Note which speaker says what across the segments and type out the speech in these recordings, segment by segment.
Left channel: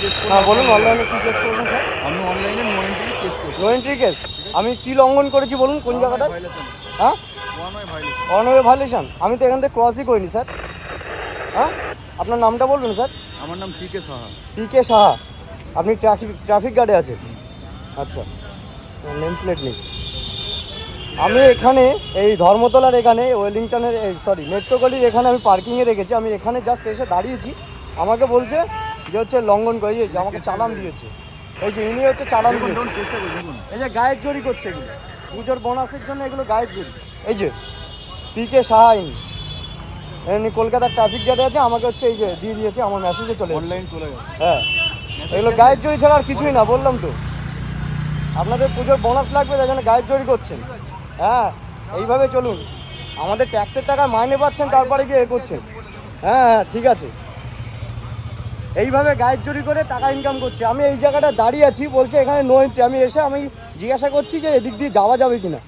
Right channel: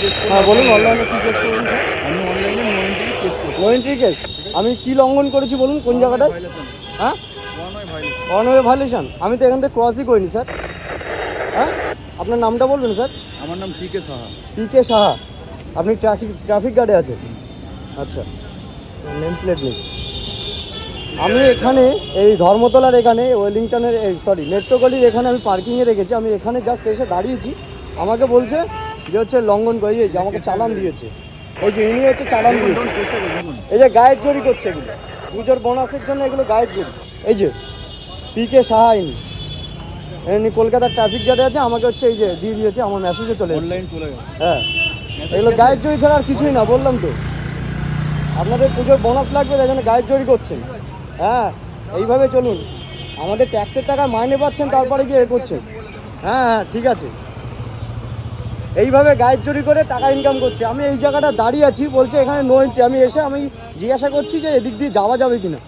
Speaker 1: হ্যাঁ বলুন অনলাইনে কি কেস করবেন
Speaker 2: আমি অনলাইনে নো এন্ট্রি কেস করছি
Speaker 1: নো এন্ট্রি কেস আমি কি লঙ্ঘন করেছি বলুন কোন জায়গাটা হ্যাঁ? অনওয়ে ভাইলেশন আমি তো এখান থেকে ক্রসই করিনি স্যার। হ্যাঁ? আপনার নামটা বলবেন স্যার?
Speaker 2: আমার নাম T K Saha.
Speaker 1: P K Saha. আপনি ট্রাফিক ট্রাফিক গার্ডে আছেন? আচ্ছা। নেম প্লেট নেই। আমি এখানে এই ধর্মতলার এখানে ওয়েলিংটনের সরি মেট্রোগলির এখানে আমি পার্কিংয়ে রেখেছি। আমি এখানে জাস্ট এসে দাঁড়িয়েছি। আমাকে বলছে যে হচ্ছে লঙ্ঘন করে যে আমাকে চালান দিয়েছে। এই যে ইনি হচ্ছে চালান এই যে গায়ের জড়ি করছে এগুলো। পুজোর বোনাসের জন্য এগুলো গায়ের জড়ি এই যে পি কে সাহা ইনি। এমনি কলকাতার ট্রাফিক গার্ডে আছে আমাকে হচ্ছে এই যে দিয়ে দিয়েছে আমার মেসেজে চলে।
Speaker 2: অনলাইন চলে গেছে।
Speaker 1: হ্যাঁ। এগুলো গায়ের জড়ি ছাড়া আর কিছুই না বললাম তো। আপনাদের পুজোর বোনাস লাগবে তাই জন্য গায়ের জড়ি করছেন হ্যাঁ এইভাবে চলুন। আমাদের ট্যাক্সের টাকা মাইনে পাচ্ছেন তারপরে গিয়ে এ করছেন হ্যাঁ হ্যাঁ ঠিক আছে। এইভাবে গায়ের জড়ি করে টাকা ইনকাম করছে। আমি এই জায়গাটা দাঁড়িয়ে আছি বলছে এখানে নো এন্ট্রি আমি এসে আমি জিজ্ঞাসা করছি যে এদিক দিয়ে যাওয়া যাবে কিনা।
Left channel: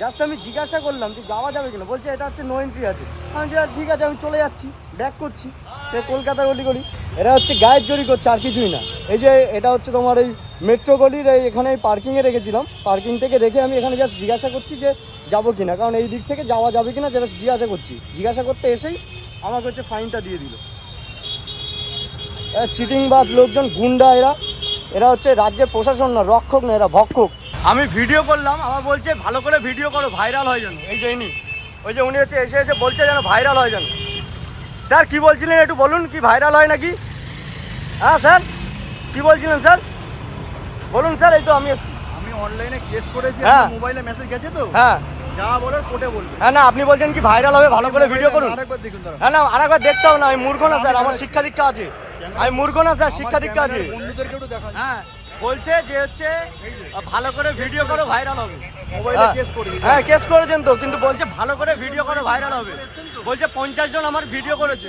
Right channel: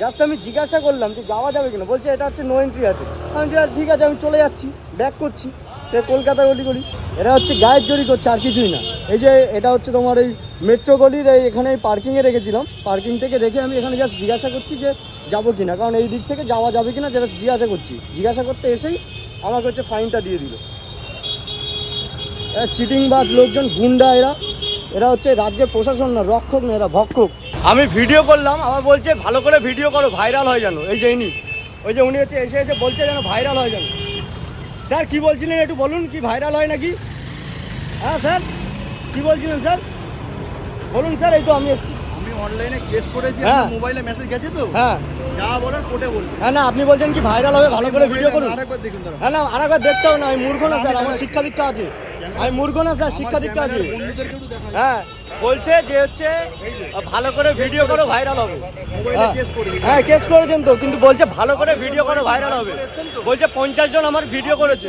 Speaker 1: জাস্ট আমি জিজ্ঞাসা করলাম যে যাওয়া যাবে কিনা। বলছে এটা হচ্ছে নো এন্ট্রি আছে। আমি বলছি, ঠিক আছে আমি চলে যাচ্ছি। ব্যাক করছি। কলকাতার অলিগলি এরা হচ্ছে গায়ের জড়ি করছে আর কিছুই না। এই যে এটা হচ্ছে তোমার এই মেট্রো গলির এই এখানে এই পার্কিংয়ে রেখেছিলাম। পার্কিং থেকে রেখে আমি এখানে জাস্ট জিজ্ঞাসা করছি যে যাব কিনা। কারণ এই দিক থেকে যাওয়া যাবে কিনা জাস্ট জিজ্ঞাসা করছি। জিজ্ঞাসা করতে এসেই আমাকে হচ্ছে ফাইনটা দিয়ে দিল। চিটিং বাজ লোকজন গুন্ডা এরা। এরা হচ্ছে রাজ্যের প্রশাসন না রক্ষক না এরা ভক্ষক। আমি ভিডিও করলাম আবার বলছে ভালো করে ভিডিও করো ভাইরাল হয় যেন। এই যে ইনি ওই যে উনি হচ্ছে এসে এসে বলছে যেন ভাইরাল হয় যেন। স্যার কি বলছিলেন একটু বলুন কি ভাইরাল হয় নাকি? হ্যাঁ স্যার? কি বলছিলেন স্যার? বলুন স্যার এই তো আমি এসছি।
Speaker 2: আমি অনলাইনে কেস করেছি
Speaker 1: হ্যাঁ।
Speaker 2: মোবাইলে মেসেজ গেছে তো?
Speaker 1: হ্যাঁ।
Speaker 2: যা বলার কোর্টে বলবেন
Speaker 1: হ্যাঁ না আপনি বলছেন কি ভাইরাল হবে ভালো করে ভিডিও করুন।
Speaker 2: আরেকবার দেখুন
Speaker 1: হ্যাঁ না আরেকবার দেখতে হবে না আমি মূর্খ না স্যার আমার। শিক্ষা দীক্ষা আছে। আমি মূর্খ না স্যার শিক্ষা দীক্ষা আছে। হ্যাঁ বলছে যে হচ্ছে ভালো করে ভিডিও করো ভাইরাল হবে। হ্যাঁ।
Speaker 2: কেস
Speaker 1: হ্যাঁ কেস করেছেন তো কিন্তু বলছে ভালো করে ভিডিও করো ভাইরাল হবে। বলছে পঞ্চাশ জন আমার ভিডিও করেছে।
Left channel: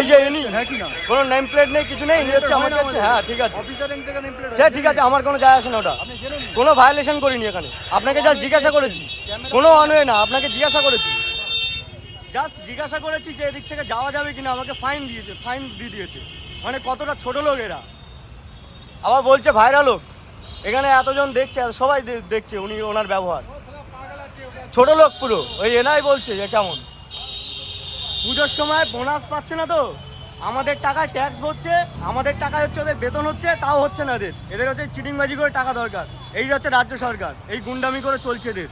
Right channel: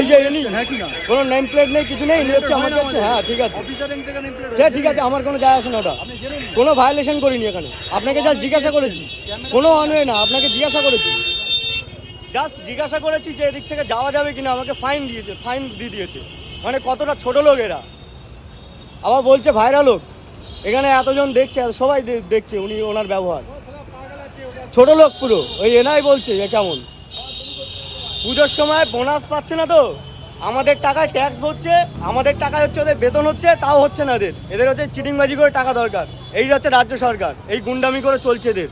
Speaker 1: এই যে ইনি
Speaker 2: হ্যাঁ
Speaker 1: কোনো নেম প্লেট নেই কিছু নেই হচ্ছে আমার কাছে। হ্যাঁ ঠিক আছে। সে ঠিক আছে আমার কোনো যায় আসে না ওটা। কোনো ভায়োলেশন করিনি এখানে। আপনাকে যা জিজ্ঞাসা করেছি। কোনো অনওয়ে না আপনাকে জিজ্ঞাসা করেছি। জাস্ট জিজ্ঞাসা করেছি যে এদিক থেকে যাওয়া যাবে কিনা, আমাকে ফাইন দিয়েছে ফাইন দিয়ে দিয়েছে। মানে কতটা ছোট লোক এরা। আবার বলছে ভাইরাল লোক। এখানে এতজন দেখছে, সবাই দেখছে উনি ওনার ব্যবহার। ছোট লোক পুরো, ওই এনাই বলছে যে কেমন। পুজোর সময় বোনাস পাচ্ছে না তো। আমাদের টাকায় ট্যাক্স ভরছে আমাদের টাকায় হচ্ছে ওদের বেতন হচ্ছে, তাও হচ্ছে না এদের। এদের হচ্ছে চিটিংবাজি করে টাকা দরকার। এই হচ্ছে রাজ্য সরকার, এই গুন্ডামি করে চলছে এদের।